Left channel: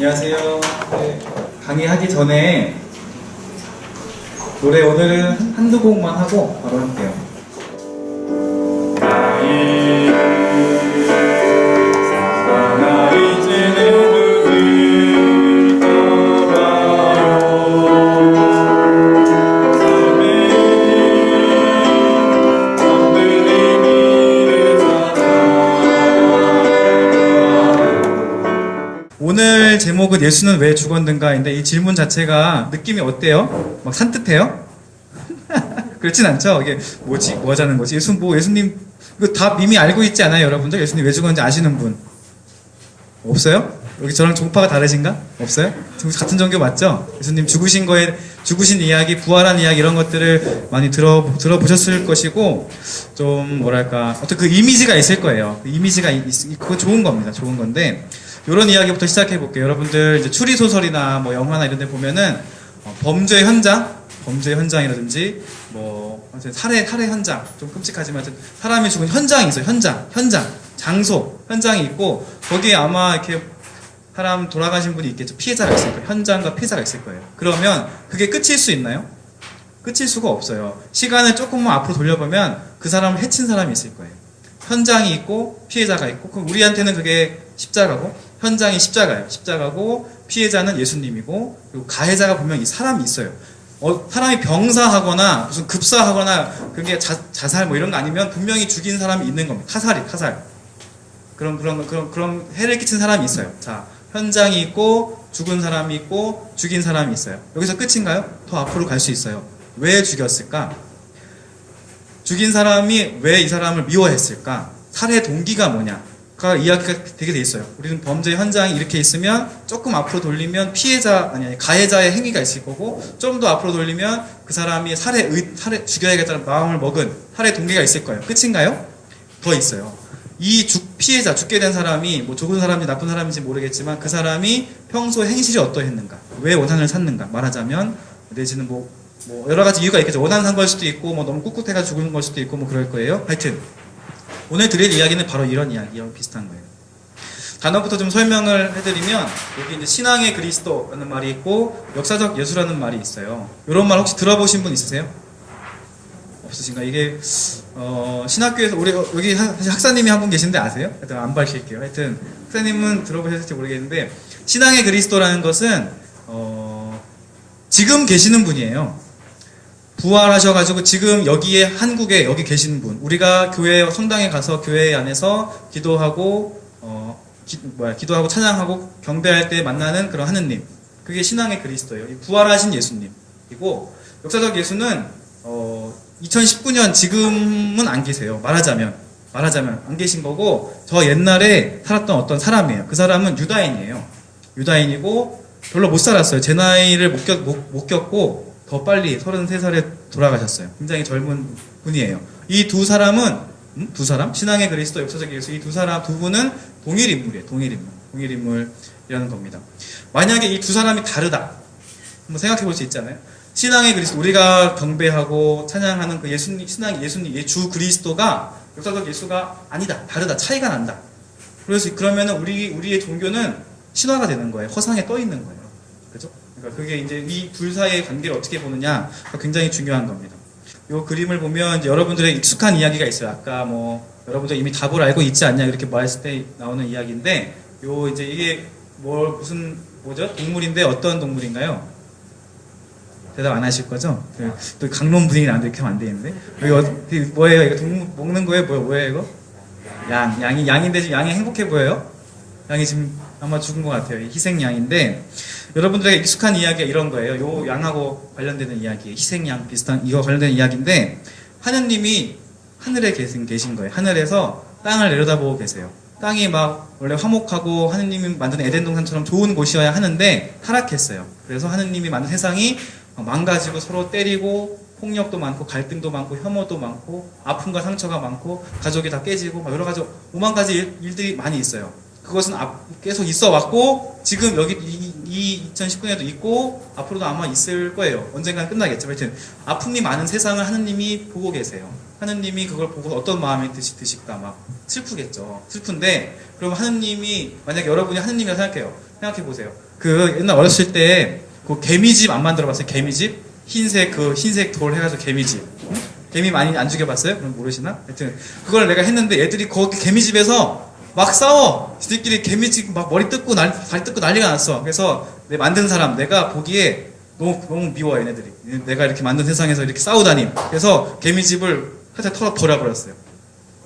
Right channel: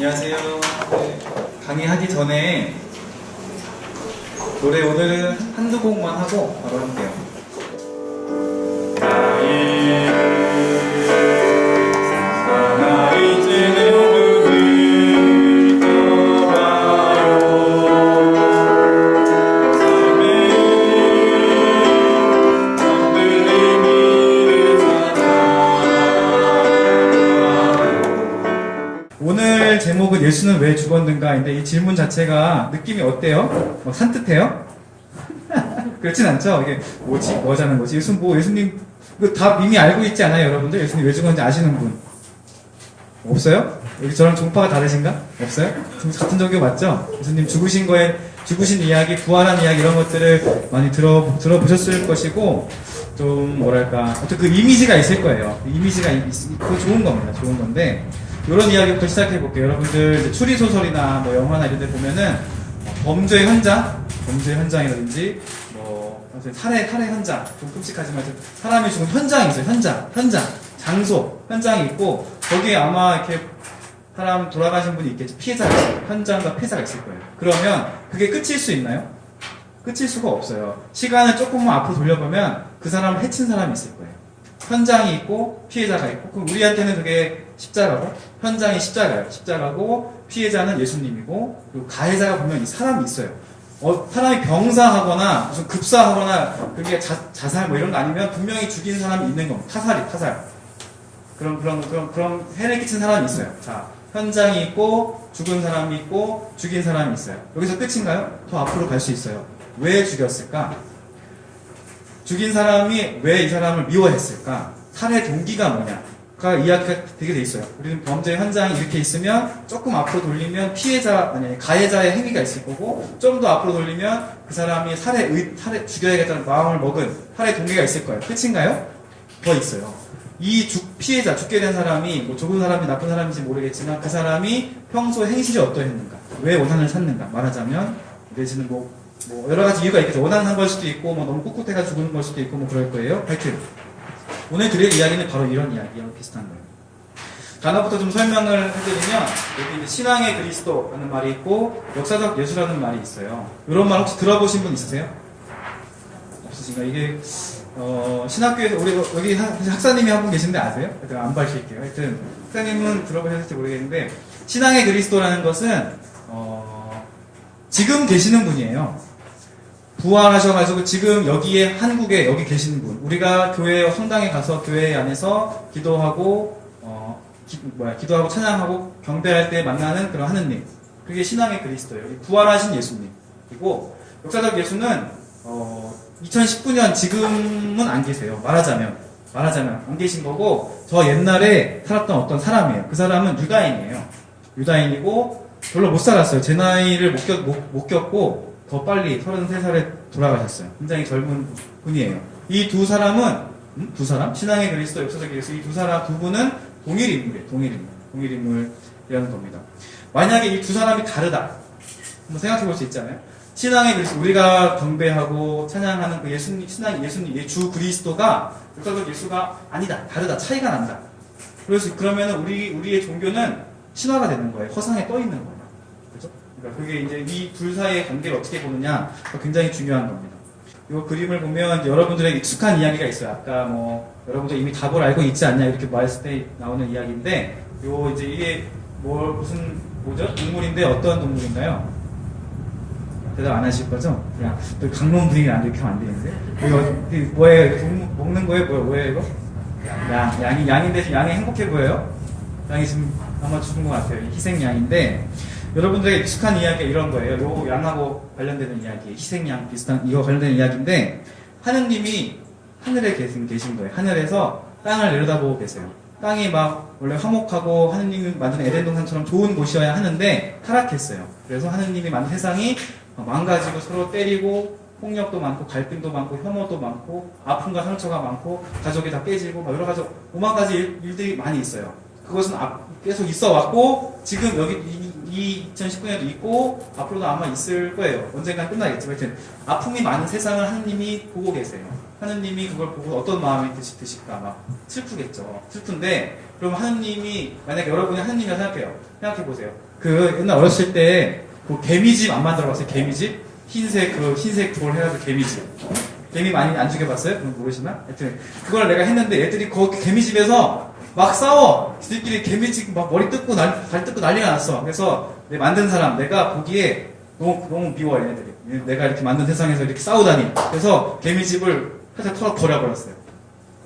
안녕하세요. 네, 강의하기 전에 노래 오늘은 한두 곡만 하고 바로 할게요. 오늘 제목은 예수는 왜 죽었는가인데 이 질문 자체가 느낌이 어때요? 막 산뜻해요? 그렇진 않죠? 이게 뭐지? 뭐 하자는 거지? 예수님 이거 다 이미 알고 있지 않아요, 여러분들? 예수님 왜 죽었는지 아시는 분 없어요? 여기 저랑 종파가 다르신가? 없어요? 같은 종교 맞죠? 예수님 죽으신 이야기, 부활한 이야기 이런 것들을 많이 들어보셨을 것이고 좀 뭐랄까 어떤 그 이미지가 있을 거예요. 그 이미지가 그거 좋은 겁니다. 좋은 건데 이런 이야기부터 시작해 볼게요. 여러분들 이제 추리 소설이나 뭐 영화나 이런 데 보면은 범죄 현장이라든지 뭐 살해 현장 좀 끔찍하지만 사람이 죽은 현장이 있어요. 현장, 장소, 현장이 있고 거기에 아마 이렇게 사람 돌아가신 분이 있겠죠. 피해자가 있을 거예요. 현장과 피해자가 있을 거예요. 그러면 그게 끝일 수 있나요? 끝일 수가 없어요. 시간을 조금만 앞으로 돌려보면 그 사람을 해친 사람이 있을 거예요. 현장이 있고 피해자가 있고 그럼 우리한테는 그게 십자가고 현장이 십자가고 피해자는 예수님이고 그리고 가해자가 분명히 사람이 있어요. 사람이 병사하거나 무슨 급사하거나 그게 자살 뭐 이런 거 아니면 분명히 죽인 사람이 있는 겁니다. 타살. 그런 해를 끼친 사람이 있어요. 자, 현장이 있고 죽은 사람이 있고 죽인 사람이 있어요. 여기서 끝인가요? 더 앞으로 갈 수 있어요. 왜 죽였을까? 죽인 사람이 왜 이 사람을 미워했을까? 살해 동기가 뭐냐가 이야기가 되게 돼 있어요. 우리는 범죄 현장이 이렇게 있으면 조금 앞으로 돌리면 가해자의 행위가 있을 거고 좀 더 앞으로 돌리면 그 사람이 죽여야겠다는 마음을 먹은 살해 동기가 있을 거예요. 끝인가요? 더 있어요. 피해자, 죽게 된 사람이 뭐 좋은 사람인지 나쁜 사람인지 모르겠지만 그 사람이 평소 행실이 어떠했는가? 왜 원한을 샀는가? 말하자면 내지는 뭐 여러 가지 이유가 있겠죠. 원한 산 걸 수도 있고 뭐 너무 꿋꿋해가 죽는 걸 수도 있고 뭐 그럴 거예요. 하여튼 오늘 드릴 이야기는 바로 이런 이야기와 비슷한 거예요. 단어부터 좀 설명을 해드리면 여기 이제 신앙의 그리스도라는 말이 있고 역사적 예수라는 말이 있어요. 이런 말 혹시 들어보신 분 있으세요? 없으신가? 이게 신학교에서 우리 여기 학사님이 한 분 계신데 아세요? 하여튼 안 밝힐게요. 하여튼 학사님은 들어보셨을지 모르겠는데 신앙의 그리스도라는 것은 지금 계시는 분이에요. 부활하셔가지고 지금 여기에 한국에 여기 계시는 분. 우리가 성당에 가서 교회 안에서 기도하고 기도하고 찬양하고 경배할 때 만나는 그런 하느님. 그게 신앙의 그리스도예요. 부활하신 예수님이고 역사적 예수는 2019년 지금은 안 계세요. 말하자면 안 계신 거고 저 옛날에 살았던 어떤 사람이에요. 그 사람은 유다인이고 별로 못 살았어요. 제 나이를 못 겪고 더 빨리 33살에 돌아가셨어요. 굉장히 젊은 분이에요. 이 두 사람은 신앙의 그리스도, 역사적 예수 이 두 분은 동일 인물이라는 겁니다. 만약에 이 두 사람이 다르다. 한번 생각해 볼 수 있잖아요. 신앙의 그리스도, 우리가 경배하고 찬양하는 그 신앙의 예수님, 주 그리스도가 역사적 예수가 아니다. 다르다. 차이가 난다. 그러면은 우리의 종교는 신화가 되는 거예요. 허상에 떠 있는 거예요. 그죠? 그러니까 그게 이제 이 둘 사이의 관계를 어떻게 보느냐가 굉장히 중요한 겁니다. 이 그림을 보면 이제 여러분들의 익숙한 이야기가 있어요. 아까 여러분들 이미 답을 알고 있지 않냐 이렇게 말했을 때 나오는 이야기인데, 이제 이게 뭐죠? 동물인데 어떤 동물인가요? 대답 안 하실 거죠? 또 강론 분위기 안 이렇게 하면 안 되는데. 이거 뭐예요? 이거 동물 먹는 거예요? 뭐예요 이거? 양인데 지금 양이 행복해 보여요? 양이 지금 아마 죽은 것 같아요. 희생양인데 여러분들에게 익숙한 이야기가 이런 거예요. 요 양하고 관련되는 이야기, 희생양 비슷한 이거 관련되는 이야기인데 하느님이 하늘에 계신 거예요. 하늘에서 땅을 내려다보고 계세요. 땅이 막 원래 화목하고 하느님이 만든 에덴 동산처럼 좋은 곳이어야 하는데 타락했어요. 그래서 하느님이 만든 세상이 망가지고 서로 때리고 폭력도 많고 갈등도 많고 혐오도 많고 아픔과 상처가 많고 가족이 다 깨지고 여러 가지 오만 가지 일들이 많이 있어요. 그것은 계속 있어 왔고 지금 여기 이 2019년에도 있고 앞으로도 아마 있을 거예요. 언젠간 끝나겠죠. 하여튼 아픔이 많은 세상을 하느님이 보고 계세요. 하느님이 그걸 보고 어떤 마음이 드실까 막 슬프겠죠. 슬픈데 그럼 하느님이 만약에 여러분이 하느님이라 생각해보세요. 그 옛날 어렸을 때 그 개미집 안 만들어봤어요? 개미집? 흰색 돌 해가지고 개미집. 개미 많이 안 죽여봤어요? 모르시나? 하여튼 그걸 내가 했는데 애들이 그 개미집에서 막 싸워. 지들끼리 개미집 막 머리 뜯고 발 뜯고 난리가 났어. 그래서 내 만든 사람 내가 보기에 너무 미워 얘네들이. 내가 이렇게 만든 세상에서 이렇게 싸우다니. 그래서 개미집을 살짝 털어 버려버렸어요.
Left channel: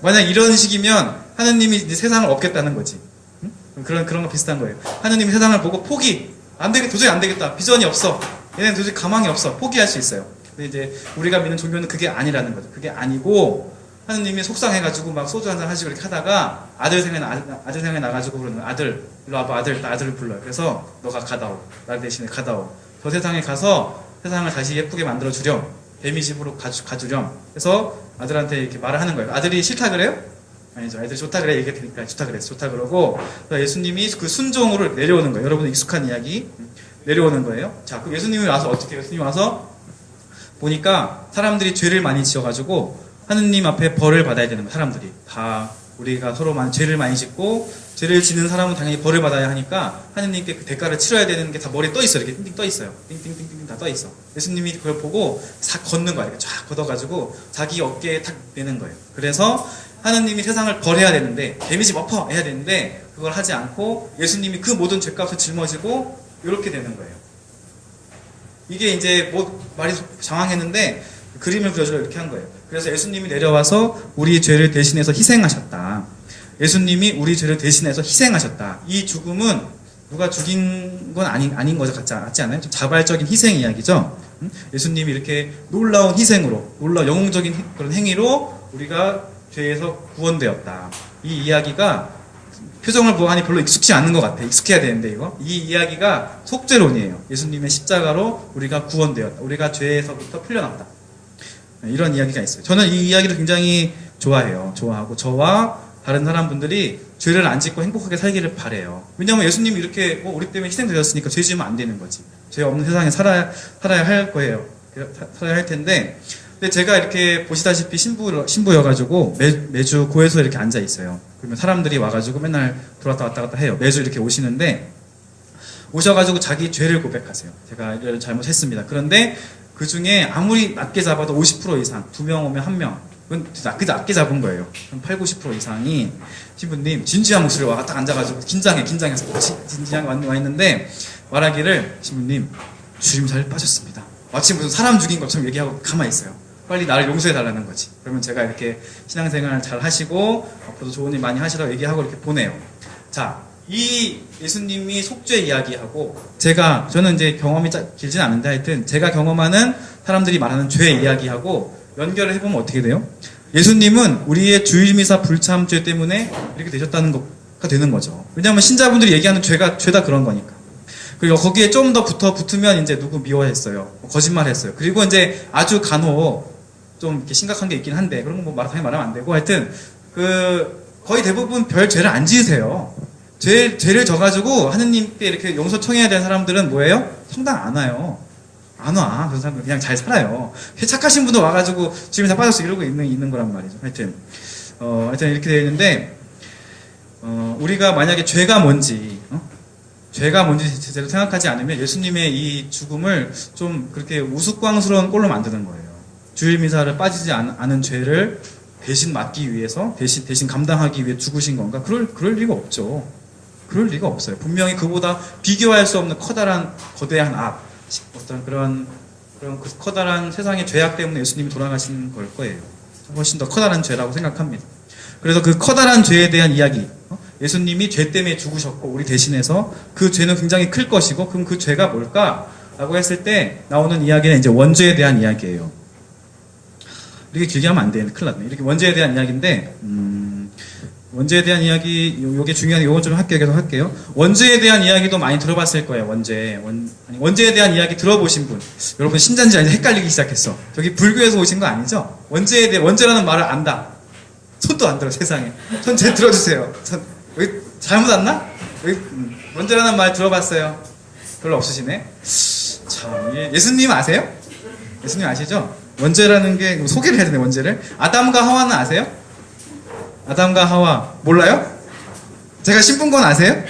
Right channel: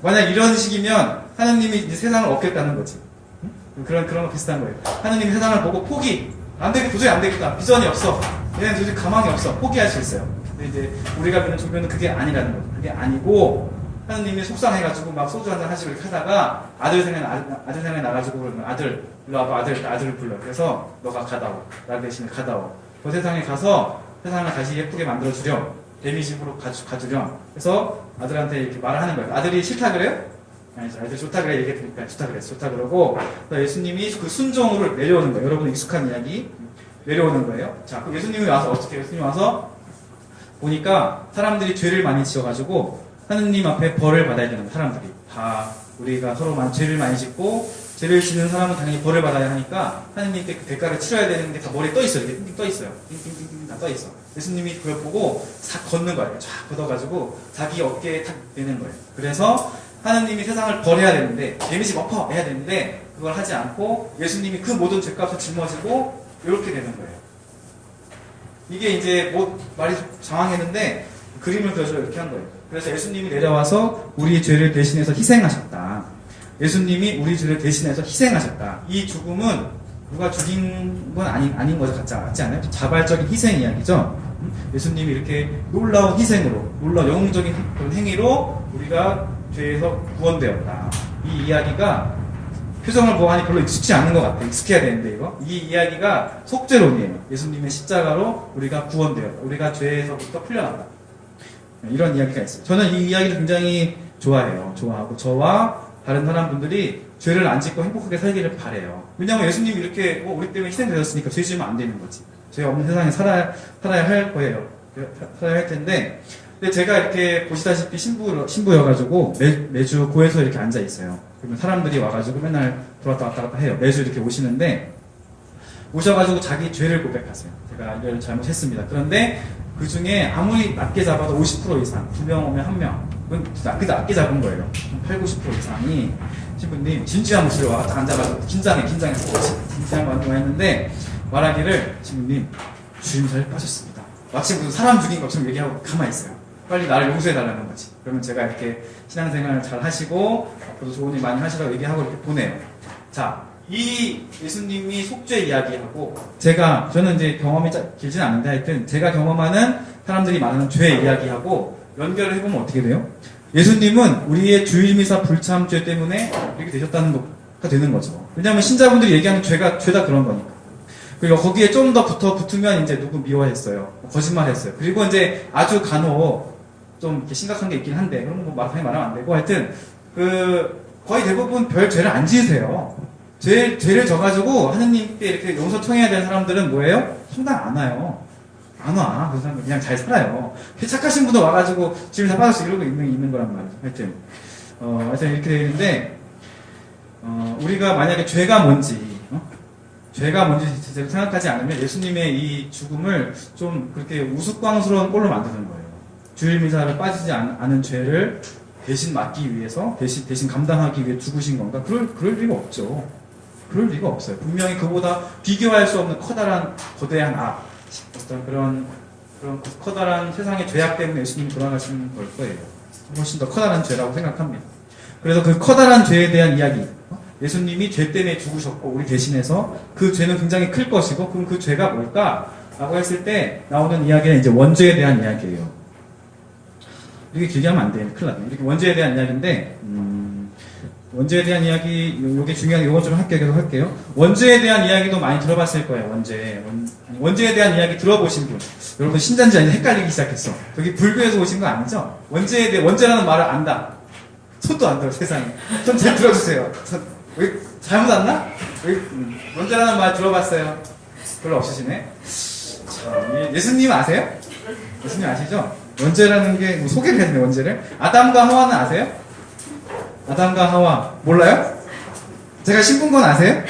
만약 이런 식이면 하느님이 이제 세상을 얻겠다는 거지. 응? 그런 거 비슷한 거예요. 하느님이 세상을 보고 포기. 도저히 안 되겠다. 비전이 없어. 얘네는 도저히 가망이 없어. 포기할 수 있어요. 근데 이제 우리가 믿는 종교는 그게 아니라는 거죠. 그게 아니고 하느님이 속상해가지고 막 소주 한잔 하시고 이렇게 하다가 아들 생각이 나가지고 그러는 아들 일로 와봐 아들을 불러요. 그래서 너가 가다오. 나 대신에 가다오. 저 세상에 가서 세상을 다시 예쁘게 만들어 주렴. 개미집으로 가주렴. 그래서 아들한테 이렇게 말을 하는 거예요. 아들이 싫다 그래요? 아니죠. 아이들 좋다 그래 얘기했으니까 좋다 그러고 예수님이 그 순종으로 내려오는 거예요. 여러분 익숙한 이야기 내려오는 거예요. 자, 그 예수님이 와서 어떻게 해요? 예수님이 와서 보니까 사람들이 죄를 많이 지어가지고 하느님 앞에 벌을 받아야 되는 거예요. 사람들이 다 우리가 서로 죄를 많이 짓고 죄를 지는 사람은 당연히 벌을 받아야 하니까 하느님께 그 대가를 치러야 되는 게 다 머리에 떠 있어요. 이렇게 띵띵 떠 있어요. 띵띵띵띵 다 떠 있어. 예수님이 그걸 보고 싹 걷는 거예요. 쫙 걷어가지고 자기 어깨에 탁 내는 거예요. 그래서 하느님이 세상을 벌해야 되는데 개미집 엎어 해야 되는데 그걸 하지 않고 예수님이 그 모든 죄값을 짊어지고 이렇게 되는 거예요. 이게 이제 말이 장황했는데 그림을 그려서 이렇게 한 거예요. 그래서 예수님이 내려와서 우리 죄를 대신해서 희생하셨다. 예수님이 우리 죄를 대신해서 희생하셨다. 이 죽음은 누가 죽인 건 아닌 거죠. 같지 않아요? 좀 자발적인 희생 이야기죠. 예수님이 이렇게 놀라운 희생으로, 영웅적인 그런 행위로 우리가 죄에서 구원되었다. 이 이야기가 표정을 보고 하니 별로 익숙지 않은 것 같아. 익숙해야 되는데 이거. 이 이야기가 속죄론이에요. 예수님의 십자가로 우리가 구원되었다. 우리가 죄에서부터 풀려났다. 이런 이야기가 있어요. 저는 이 이야기를 굉장히 좋아해요. 좋아하고 저와 다른 사람분들이 죄를 안 짓고 행복하게 살기를 바래요. 왜냐하면 예수님이 이렇게 우리 때문에 희생되셨으니까 죄 지으면 안 되는 거지. 죄 없는 세상에 살아야 할 거예요. 살아야 할 텐데 근데 제가 이렇게 보시다시피 신부여가지고 매주 고에서 이렇게 앉아 있어요. 그러면 사람들이 와가지고 맨날 돌아왔다 왔다 갔다 해요. 매주 이렇게 오시는데 오셔가지고 자기 죄를 고백하세요. 제가 이걸 잘못했습니다. 그런데 그 중에 아무리 낮게 잡아도 50% 이상, 2명 오면 1명, 그건 낮게 잡은 거예요. 8, 90% 이상이 신부님 진지한 목소리로 와 딱 앉아가지고 긴장해서 진지한 거 있는데 말하기를 신부님 주님 잘 빠졌습니다. 마치 무슨 사람 죽인 것처럼 얘기하고 가만히 있어요. 빨리 나를 용서해달라는 거지. 그러면 제가 이렇게 신앙생활 잘 하시고 앞으로 좋은 일 많이 하시라고 얘기하고 이렇게 보내요. 자, 이 예수님이 속죄 이야기하고 저는 이제 경험이 길진 않은데 하여튼 제가 경험하는 사람들이 말하는 죄 이야기하고 연결을 해보면 어떻게 돼요? 예수님은 우리의 주일미사 불참죄 때문에 이렇게 되셨다는 거가 되는 거죠. 왜냐하면 신자분들이 얘기하는 죄다 그런 거니까. 그리고 거기에 좀 더 붙으면 이제 누구 미워했어요. 거짓말 했어요. 그리고 이제 아주 간혹 좀 이렇게 심각한 게 있긴 한데, 그런 거 당연히 말하면 안 되고, 하여튼, 거의 대부분 별 죄를 안 지으세요. 죄를 져가지고 하느님께 이렇게 용서 청해야 되는 사람들은 뭐예요? 성당 안 와요. 안 와. 그런 사람들 그냥 잘 살아요. 착하신 분도 와가지고 지금 다 빠졌어. 이러고 있는 거란 말이죠. 하여튼 이렇게 되어 있는데, 우리가 만약에 죄가 뭔지 제대로 생각하지 않으면 예수님의 이 죽음을 좀 그렇게 우스꽝스러운 꼴로 만드는 거예요. 주일미사를 빠지지 않은 죄를 대신 맡기 위해서, 대신 감당하기 위해 죽으신 건가? 그럴 리가 없죠. 그럴 리가 없어요. 분명히 그보다 비교할 수 없는 거대한 악, 어떤 그런 그 커다란 세상의 죄악 때문에 예수님이 돌아가신 걸 거예요. 훨씬 더 커다란 죄라고 생각합니다. 그래서 그 커다란 죄에 대한 이야기, 예수님이 죄 때문에 죽으셨고 우리 대신해서 그 죄는 굉장히 클 것이고, 그럼 그 죄가 뭘까? 라고 했을 때 나오는 이야기는 이제 원죄에 대한 이야기예요. 이렇게 길게 하면 안 돼. 큰일 났네. 이렇게 원죄에 대한 이야기인데, 원죄에 대한 이야기, 요게 중요한, 요거 좀 계속 할게요. 원죄에 대한 이야기도 많이 들어봤을 거예요, 원죄에 대한 이야기 들어보신 분. 여러분, 신자인지 아닌지 헷갈리기 시작했어. 저기 불교에서 오신 거 아니죠? 원죄라는 말을 안다. 손도 안 들어, 세상에. 손 제 들어주세요. 왜, 잘못 왔나? 원죄라는 말 들어봤어요? 별로 없으시네? 참, 예수님 아세요? 예수님 아시죠? 원죄라는 게 소개를 해야 되네. 원죄를. 아담과 하와는 아세요? 아담과 하와 몰라요? 제가 신분 건 아세요?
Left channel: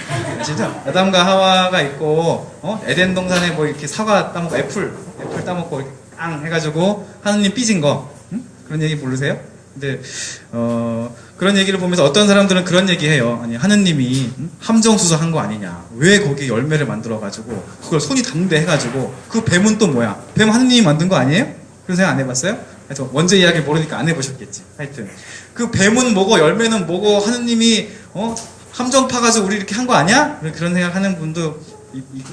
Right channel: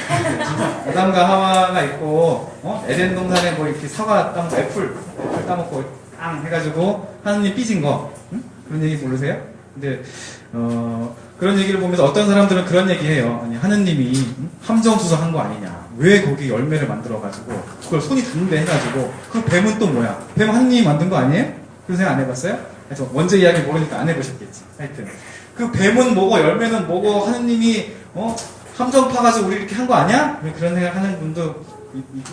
진짜 아담과 하와가 있고 에덴 동산에 뭐 이렇게 사과 따먹고 애플 따먹고 앙 해가지고 하느님 삐진 거 그런 얘기 모르세요? 근데 그런 얘기를 보면서 어떤 사람들은 그런 얘기해요. 아니 하느님이 함정수서한 거 아니냐? 왜 거기 열매를 만들어가지고 그걸 손이 닿는데 해가지고 그 뱀은 또 뭐야? 뱀 하느님이 만든 거 아니에요? 그런 생각 안 해봤어요? 하여튼 원제 이야기 모르니까 안 해보셨겠지. 하여튼 그 뱀은 뭐고 열매는 뭐고 하느님이 함정 파가지고 우리 이렇게 한 거 아니야? 그런 생각하는 분도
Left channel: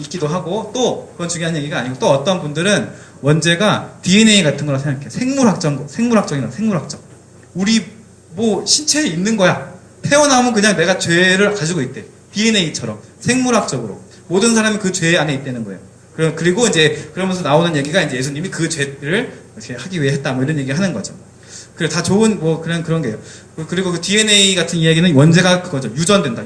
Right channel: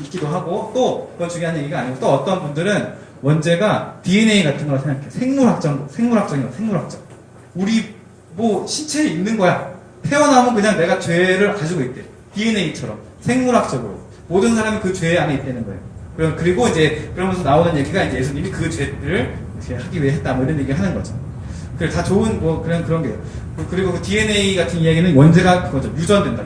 있기도 하고 또 그건 중요한 얘기가 아니고 또 어떤 분들은 원제가 DNA 같은 거라 생각해. 생물학적. 우리 뭐 신체에 있는 거야. 태어나면 그냥 내가 죄를 가지고 있대. DNA처럼 생물학적으로 모든 사람이 그 죄 안에 있다는 거예요. 그리고 이제 그러면서 나오는 얘기가 이제 예수님이 그 죄를 이렇게 하기 위해 했다 뭐 이런 얘기 하는 거죠. 그래 다 좋은 뭐 그런 게요. 그리고 그 DNA 같은 이야기는 원제가 그거죠. 유전된다.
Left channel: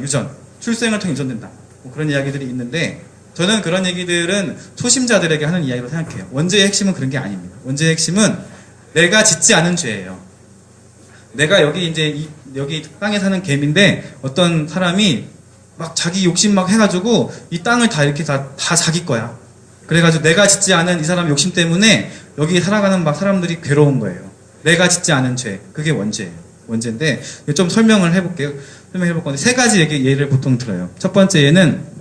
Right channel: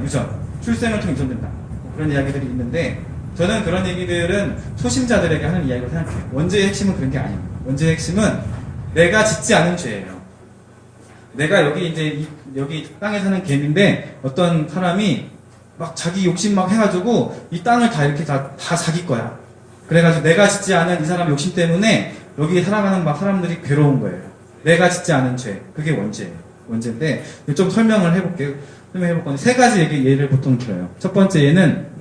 출생을 통해 유전된다. 뭐 그런 이야기들이 있는데 저는 그런 얘기들은 초심자들에게 하는 이야기로 생각해요. 원제의 핵심은 그런 게 아닙니다. 원제의 핵심은 내가 짓지 않은 죄예요. 내가 여기 땅에 사는 개미인데 어떤 사람이 막 자기 욕심 막 해가지고 이 땅을 다 이렇게 다 자기 거야. 그래가지고 내가 짓지 않은 이 사람 욕심 때문에 여기 살아가는 막 사람들이 괴로운 거예요. 내가 짓지 않은 죄. 그게 원죄예요. 원죄인데 좀 설명을 해볼게요. 설명해볼 건데 세 가지 예를 보통 들어요. 첫 번째 예는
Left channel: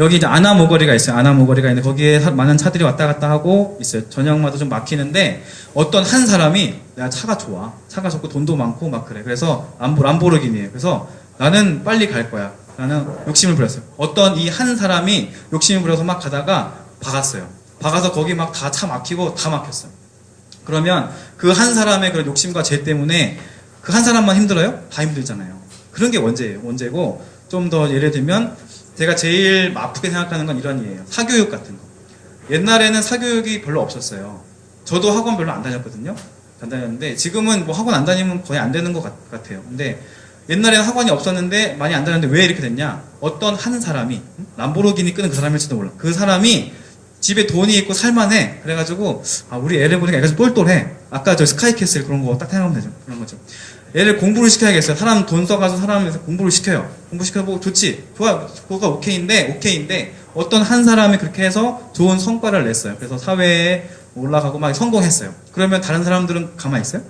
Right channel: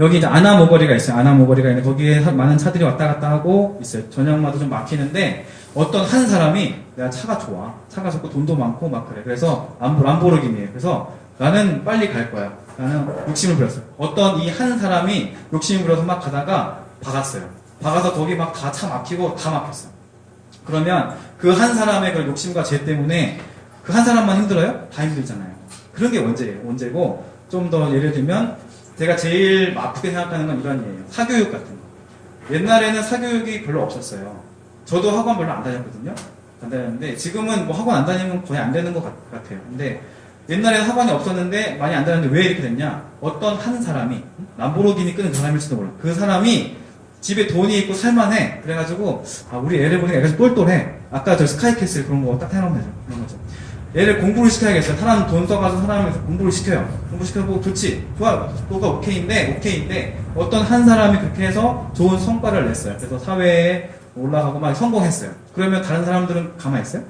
여기 이제 아나모거리가 있어요. 아나모거리가 있는데 거기에 많은 차들이 왔다 갔다 하고 있어요. 저녁마다 좀 막히는데 어떤 한 사람이 내가 차가 좋고 돈도 많고 막 그래. 그래서 람보르기니에요. 그래서 나는 빨리 갈 거야. 나는 욕심을 부렸어요. 어떤 이 한 사람이 욕심을 부려서 막 가다가 박았어요. 박아서 거기 막 다 차 막히고 다 막혔어요. 그러면 그 한 사람의 그런 욕심과 죄 때문에 그 한 사람만 힘들어요? 다 힘들잖아요. 그런 게 원죄고 좀 더 예를 들면 제가 제일 아프게 생각하는 건 이런 예예요. 사교육 같은 거. 옛날에는 사교육이 별로 없었어요. 저도 학원 별로 안 다녔거든요. 안 다녔는데 지금은 뭐 학원 안 다니면 거의 안 되는 것 같아요. 근데 옛날에는 학원이 없었는데 많이 안 다녔는데 왜 이렇게 됐냐? 어떤 한 사람이 람보르기니 끄는 그 사람일지도 몰라. 그 사람이 집에 돈이 있고 살만해. 그래가지고 우리 애를 보니까 애가 좀 똘똘해. 아까 저 스카이캐슬 그런 거 딱 생각하면 되죠. 그런 거죠. 애를 공부를 시켜야겠어요. 사람 돈 써가지고 사람에서 공부를 시켜요. 공부시켜보고 좋지. 좋아. 그거가 오케이인데 어떤 한 사람이 그렇게 해서 좋은 성과를 냈어요. 그래서 사회에 올라가고 막 성공했어요. 그러면 다른 사람들은 가만히 있어요?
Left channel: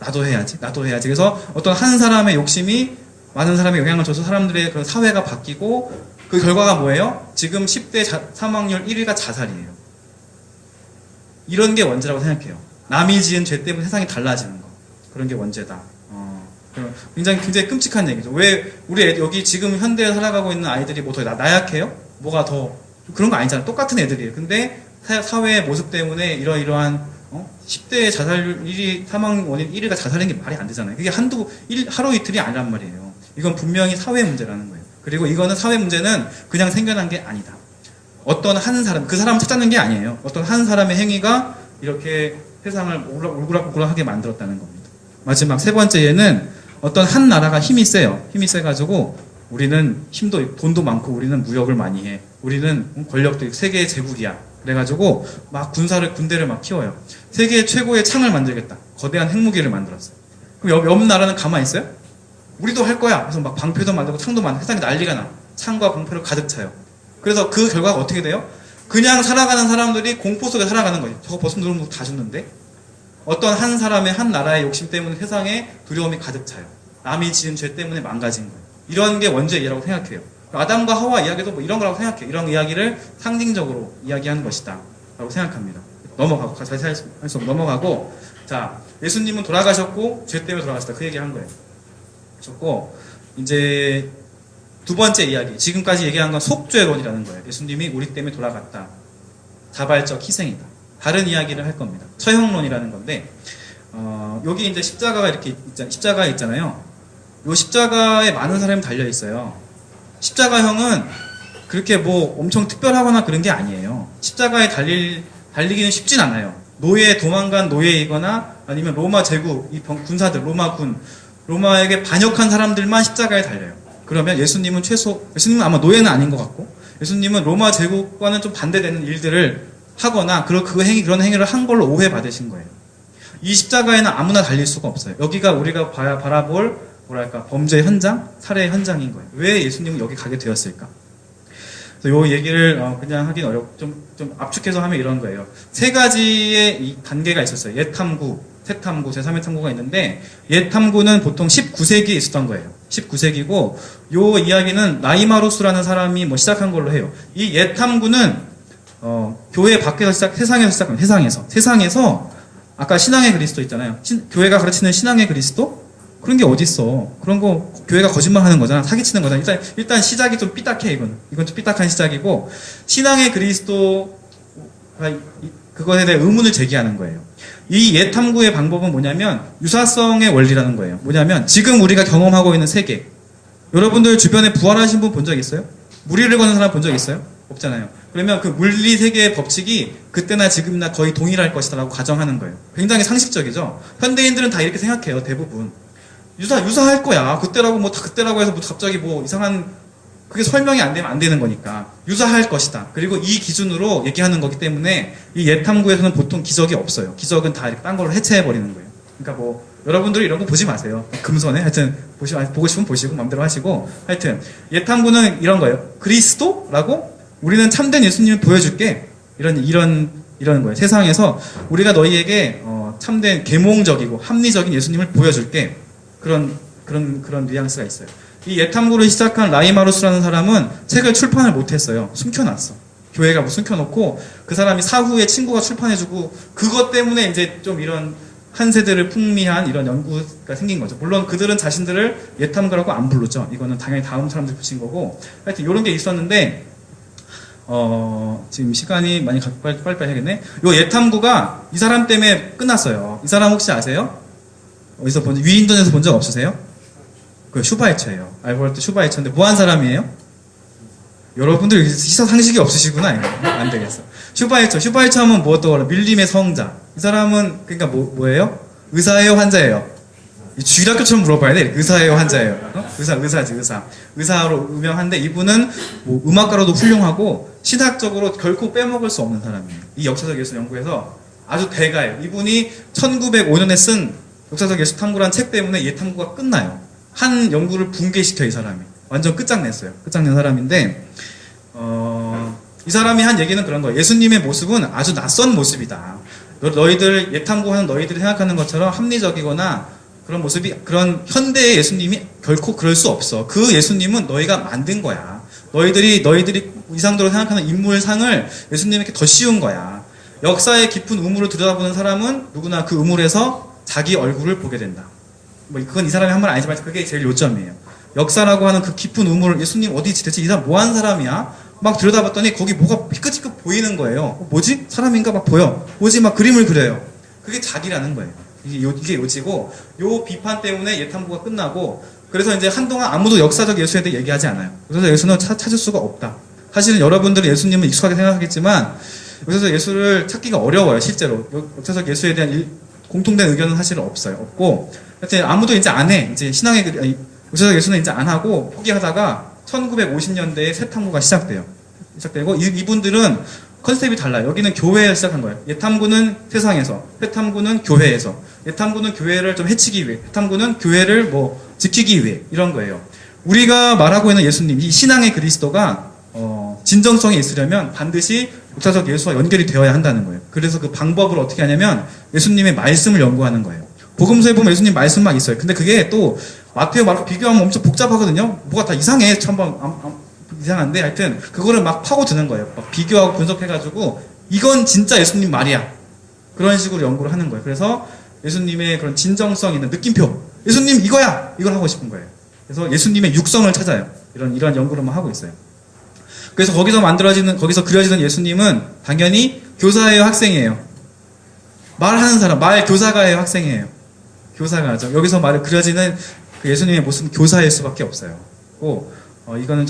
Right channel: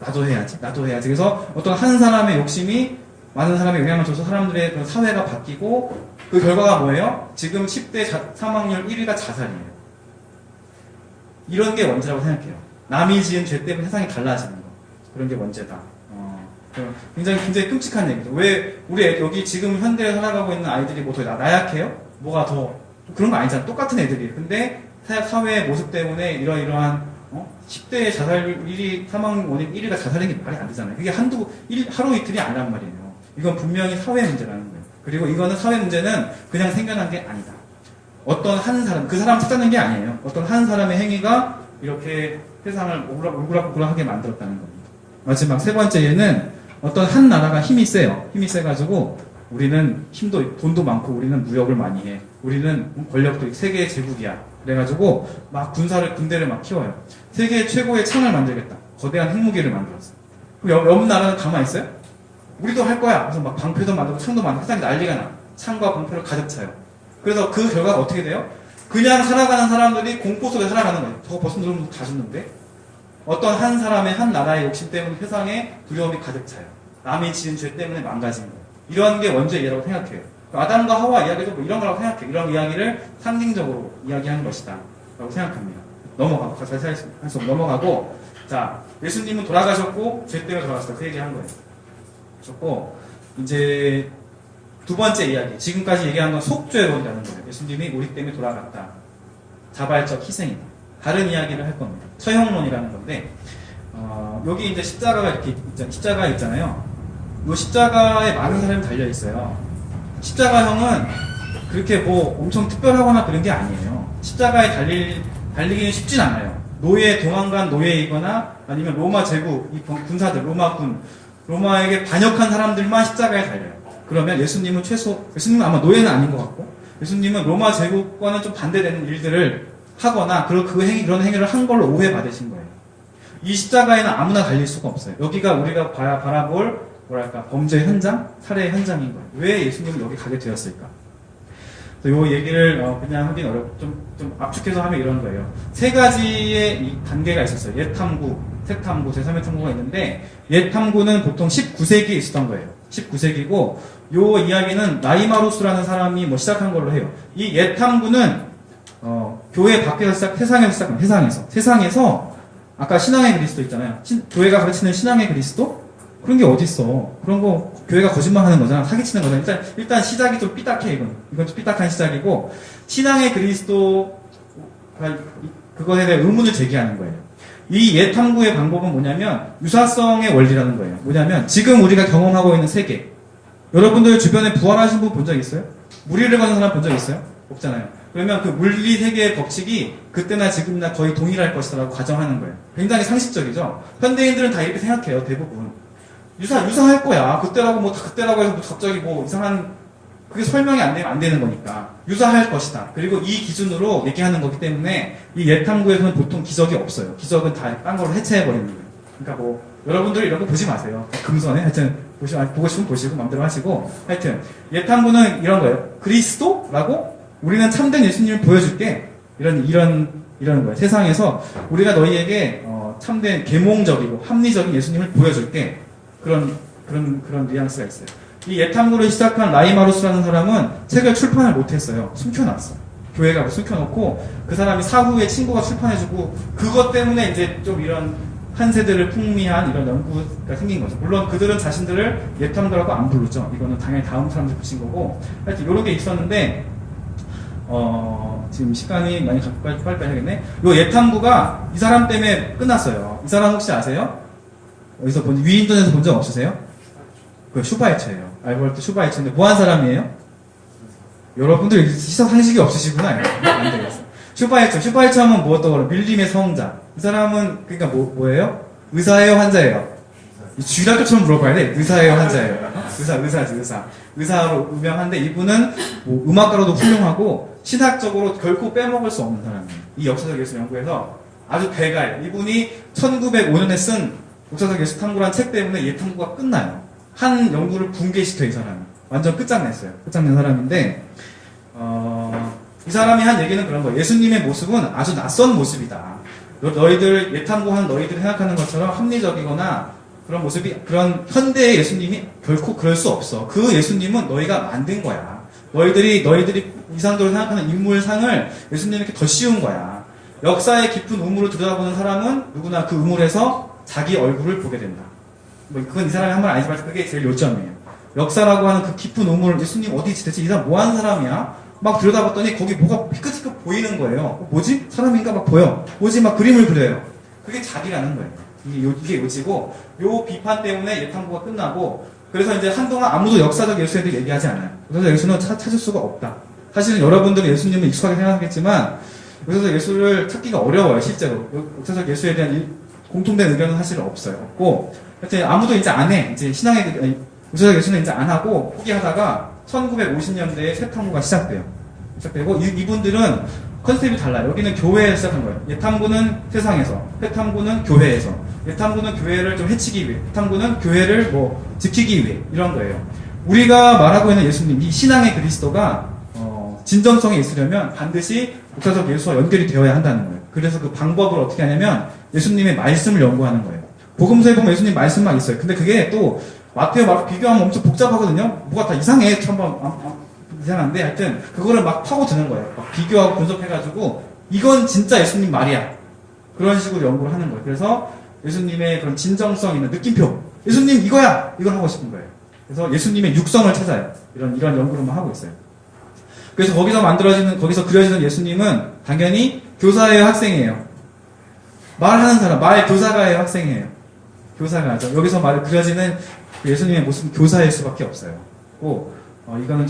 나도 해야지. 그래서 어떤 한 사람의 욕심이 많은 사람에 영향을 줘서 사람들의 그런 사회가 바뀌고 그 결과가 뭐예요? 지금 10대 사망률 1위가 자살이에요. 이런 게 원죄라고 생각해요. 남이 지은 죄 때문에 세상이 달라지는 거. 그런 게 원죄다. 굉장히 끔찍한 얘기죠. 왜 우리 여기 지금 현대에 살아가고 있는 아이들이 뭐 더 나약해요? 뭐가 더 그런 거 아니잖아. 똑같은 애들이에요. 근데 사회의 모습 때문에 이러한 10대의 자살률 1위, 사망 원인 1위가 자살인 게 말이 안 되잖아요. 그게 하루 이틀이 아니란 말이에요. 이건 분명히 사회 문제라는 거예요. 그리고 이거는 사회 문제는 그냥 생겨난 게 아니다. 어떤 한 사람, 그 사람 찾아낸 게 아니에요. 어떤 한 사람의 행위가 이렇게 세상을 오락부락하게 만들었다는 겁니다. 마지막 세 번째 예는 어떤 한 나라가 힘이 세요. 힘이 세가지고 우리는 돈도 많고 우리는 무역을 많이 해. 우리는 권력도 세계의 제국이야. 그래가지고 막 군대를 막 키워요. 세계 최고의 창을 만들겠다. 거대한 핵무기를 만들었어요. 그럼 옆 나라는 가만히 있어요? 우리도 할 거야. 그래서 막 방패도 만들고 창도 만들고 세상이 난리가 나. 창과 방패를 가득 차요. 그래서 그 결과가 어떻게 돼요? 그냥 살아가는 사람들이 공포 속에 살아가는 거예요. 저거 벗어 누르면 다 죽는데? 어떤 한 사람의 한 나라의 욕심 때문에 세상에 두려움이 가득 차요. 남이 지은 죄 때문에 망가진 거예요. 이런 게 원죄라고 생각해요. 아담과 하와 이야기도 뭐 이런 거라고 생각해요. 이런 이야기를 상징적으로 이야기하는 것이다 라고 생각합니다. 넘어가고 자, 예수님은 돌아가셨고 죄 때문에 돌아가셨다. 그 얘기한 거예요. 좋고 이제 두 번째 이야기, 지금까지 얘기한 건 속죄론이라는 거예요. 예수님이 우리 때문에 돌아갔다. 자발적 희생이다. 다른 이야기를 할 겁니다. 처형론이라는 건데 여기 이제 십자가 있잖아요. 이 십자가에 많은 사람이 달려 있어요. 십자가형은 그렇게 뭐 엄청 특별하거나 그런 게 아니에요. 십자가에 달리기는 쉽진 않아요. 도망간 노예이거나 아니면 로마 제국, 군사들, 로마에게 반역한 사람들만 십자가에 달려요. 그러면 예수님은 아마 노예는 아닌 것 같고, 예수님은 로마 제국과는 좀 반대되는 일들을 하거나 그런 행위를 한 걸로 오해받으신 거예요. 이 십자가에는 아무나 달릴 수가 없어요. 여기가 우리가 바라볼 뭐랄까 범죄 현장, 살해 현장인 거예요. 왜 예수님은 여기 가게 되었을까? 그래서 요 얘기를 그냥 하긴 어렵고 좀 압축해서 하면 이런 거예요. 세 가지의 이 단계가 있었어요. 옛 탐구, 새 탐구, 제3의 탐구가 있는데 옛 탐구는 보통 19세기에 있었던 거예요. 19세기고 요 이야기는 라이마루스라는 사람이 뭐 시작한 걸로 해요. 이 옛 탐구는 교회 밖에서 세상에서 시작한 세상에서 아까 신앙의 그리스도 있잖아요. 교회가 가르치는 신앙의 그리스도? 그런 게 어딨어. 그런 거 교회가 거짓말하는 거잖아. 사기치는 거잖아. 일단 시작이 좀 삐딱해. 이건 좀 삐딱한 시작이고 신앙의 그리스도가 그것에 대해 의문을 제기하는 거예요. 이 옛 탐구의 방법은 뭐냐면 유사성의 원리라는 거예요. 뭐냐면 지금 우리가 경험하고 있는 세계, 여러분들 주변에 부활하신 분 본 적 있어요? 무리를 거는 사람 본 적 있어요? 없잖아요. 그러면 그 물리 세계의 법칙이 그때나 지금이나 거의 동일할 것이다라고 가정하는 거예요. 굉장히 상식적이죠. 현대인들은 다 이렇게 생각해요. 대부분 유사할 거야. 그때라고 뭐 다 그때라고 해서 뭐 갑자기 뭐 이상한 그게 설명이 안 되면 안 되는 거니까 유사할 것이다. 그리고 이 기준으로 얘기하는 거기 때문에 이 옛 탐구에서는 보통 기적이 없어요. 기적은 다 딴 걸로 해체해 버리는 거예요. 그러니까 뭐 여러분들이 이런 거 보지 마세요. 금손에 하여튼 보고 싶으면 보시고 마음대로 하시고 하여튼 옛 탐구는 이런 거예요. 그리스도라고 우리는 참된 예수님을 보여줄게. 이런 거예요. 세상에서 우리가 너희에게 참된 계몽적이고 합리적인 예수님을 보여줄게. 그런 뉘앙스가 있어요. 이 옛 탐구를 시작한 라이마루스라는 사람은 책을 출판을 못했어요. 숨겨놨어. 교회가 뭐 숨겨놓고 그 사람이 사후에 친구가 출판해주고 그것 때문에 이제 좀 이런 한 세대를 풍미한 이런 연구가 생긴 거죠. 물론 그들은 자신들을 옛 탐구라고 안 부르죠. 이거는 당연히 다음 사람들이 붙인 거고 하여튼 이런 게 있었는데 지금 시간이 많이 빨리 해야겠네. 요 옛 탐구가 이 사람 때문에 끝났어요. 이 사람 혹시 아세요? 어디서 위인전에서 본 적 없으세요? 그 슈바이처예요. 알버트 슈바이처인데 뭐 한 사람이에요? 여러분들 시선 상식이 없으시구나. 안 되겠어. 슈바이처 하면 뭐 떠올라? 밀림의 성자. 이 사람은 그러니까 뭐예요? 의사예요, 환자예요? 주일학교처럼 물어봐야 돼. 의사예요, 환자예요? 의사지. 의사로 유명한데 이분은 뭐 음악가로도 훌륭하고 신학적으로 결코 빼먹을 수 없는 사람이에요. 이 역사적 예술 연구에서 아주 대가예요. 이분이 1905년에 쓴 역사적 예술 탐구라는 책 때문에 옛 탐구가 끝나요. 한 연구를 붕괴시켜 이 사람이. 완전 끝장냈어요. 끝장낸 사람인데 이 사람이 한 얘기는 그런 거예요. 예수님의 모습은 아주 낯선 모습이다. 너희들 옛 탐구하는 너희들이 생각하는 것처럼 합리적이거나 그런 모습이 그런 현대의 예수님이 결코 그럴 수 없어. 그 예수님은 너희가 만든 거야. 너희들이 이상적으로 생각하는 인물상을 예수님에게 더 씌운 거야. 역사의 깊은 우물을 들여다보는 사람은 누구나 그 우물에서 자기 얼굴을 보게 된다. 뭐 그건 이 사람이 한 말 아니지만 그게 제일 요점이에요. 역사라고 하는 그 깊은 우물을 예수님 어디 대체 이 사람 뭐 하는 사람이야? 막 들여다봤더니 거기 뭐가 피크피크 보이는 거예요. 뭐지? 사람인가 막 보여. 뭐지? 막 그림을 그려요. 그게 자기라는 거예요. 이게 요지고 요 비판 때문에 옛 탐구가 끝나고 그래서 이제 한동안 아무도 역사적 예수에 대해 얘기하지 않아요. 그래서 예수는 찾을 수가 없다. 사실은 여러분들이 예수님을 익숙하게 생각하겠지만 그래서 예수를 찾기가 어려워요. 실제로 역사적 예수에 대한 공통된 의견은 사실은 없고 하여튼 아무도 이제 안 해. 이제 역사적 예수는 이제 안 하고 포기하다가 1950년대에 새 탐구가 시작되고 이분들은 컨셉이 달라요. 여기는 교회에서 시작한 거예요. 옛 탐구는 세상에서, 새 탐구는 교회에서. 옛 탐구는 교회를 좀 해치기 위해, 새 탐구는 교회를 뭐 지키기 위해 이런 거예요. 우리가 말하고 있는 예수님, 이 신앙의 그리스도가 진정성이 있으려면 반드시 역사적 예수와 연결이 되어야 한다는 거예요. 그래서 그 방법을 어떻게 하냐면 예수님의 말씀을 연구하는 거예요. 복음서에 보면 예수님 말씀만 있어요. 근데 그게 또 마태와 마르코 비교하면 엄청 복잡하거든요. 뭐가 다 이상해. 이상한데 하여튼 그거를 막 파고드는 거예요. 막 비교하고 분석해가지고 이건 진짜 예수님 말이야. 그런 식으로 연구를 하는 거예요. 그래서 예수님의 그런 진정성 있는 느낌표. 예수님 이거야. 이걸 하고 싶은 거예요. 그래서 예수님의 육성을 찾아요. 이런 연구를 하고 있어요. 그래서 거기서 그려지는 예수님은 당연히 교사예요, 학생이에요. 말하는 사람, 말 교사가예요, 학생이에요. 교사가죠. 여기서 그려지는 그 예수님의 모습은 교사일 수밖에 없어요. 이거는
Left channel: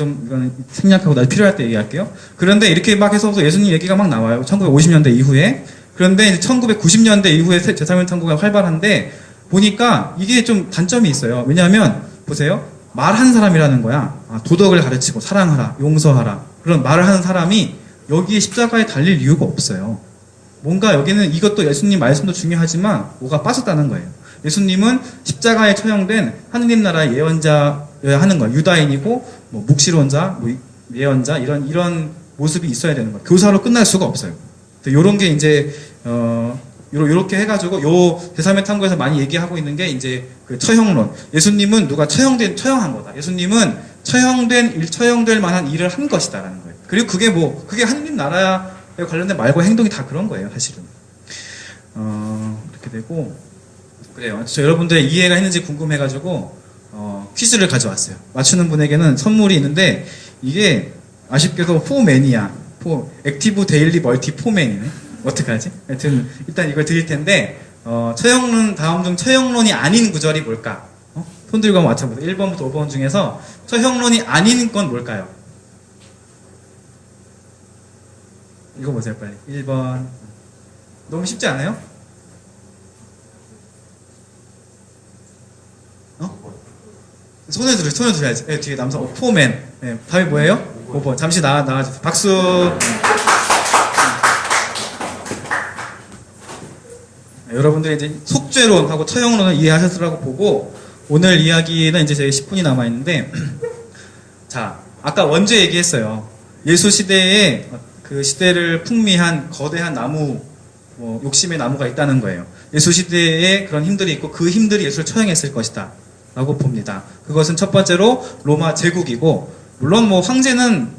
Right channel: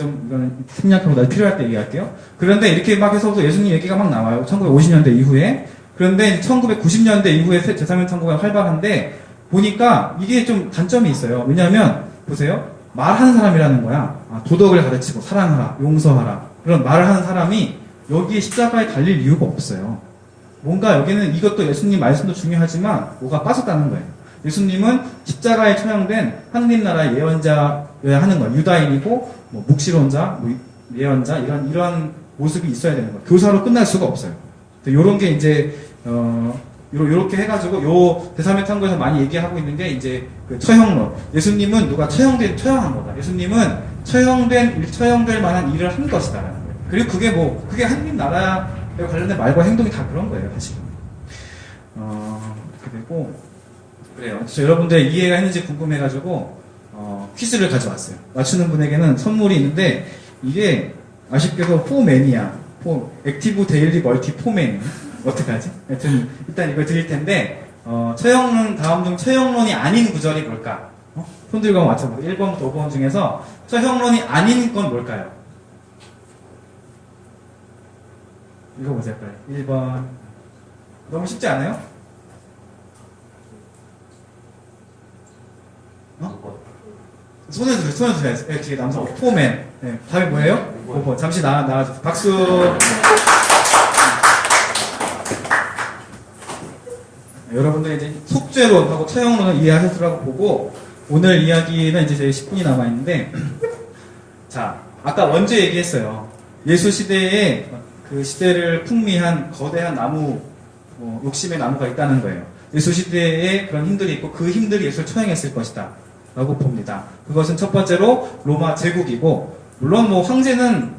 생략하고 나중에 필요할 때 얘기할게요. 그런데 이렇게 막 해서 예수님 얘기가 막 나와요. 1950년대 이후에. 그런데 1990년대 이후에 제3의 탐구가 활발한데 보니까 이게 좀 단점이 있어요. 왜냐하면 보세요. 말하는 사람이라는 거야. 도덕을 가르치고 사랑하라, 용서하라. 그런 말을 하는 사람이 여기에 십자가에 달릴 이유가 없어요. 뭔가 여기는 이것도 예수님 말씀도 중요하지만 뭐가 빠졌다는 거예요. 예수님은 십자가에 처형된 하느님 나라의 예언자여야 하는 거예요. 유다인이고 뭐 묵시론자, 뭐 예언자 이런 모습이 있어야 되는 거예요. 교사로 끝날 수가 없어요. 요런 게 이제 요렇게 해가지고 요 대사메탄고에서 많이 얘기하고 있는 게 이제 그 처형론. 예수님은 누가 처형한 거다. 예수님은 처형될 만한 일을 한 것이다라는 거예요. 그리고 그게 하느님 나라에 관련된 말과 행동이 다 그런 거예요, 사실은. 이렇게 되고 그래요. 저 여러분들 이해가 했는지 궁금해가지고 퀴즈를 가져왔어요. 맞추는 분에게는 선물이 있는데 이게 아쉽게도 액티브 데일리 멀티 포맨이네. 어떡하지? 하여튼 일단 이걸 드릴 텐데 처형론 다음 중 처형론이 아닌 구절이 뭘까? 손 들고 한번 맞춰보세요. 1번부터 5번 중에서 처형론이 아닌 건 뭘까요? 읽어보세요 빨리. 1번. 너무 쉽지 않아요? 손을 들어야지. 네, 뒤에 남성 포맨. 네, 답이 뭐예요? 5번. 잠시 나가주세요. 박수. 여러분들이 이제 속죄론하고 처형론을 이해하셨으라고 보고 오늘 이야기는 이제 저희 10분이 남아있는데 자, 아까 먼저 얘기했어요. 예수 시대에 그 시대를 풍미한 거대한 나무, 욕심의 나무가 있다는 거예요. 예수 시대에 그런 힘들이 있고 그 힘들이 예수를 처형했을 것이다 라고 봅니다. 그것은 첫 번째로 로마 제국이고 물론 뭐 황제는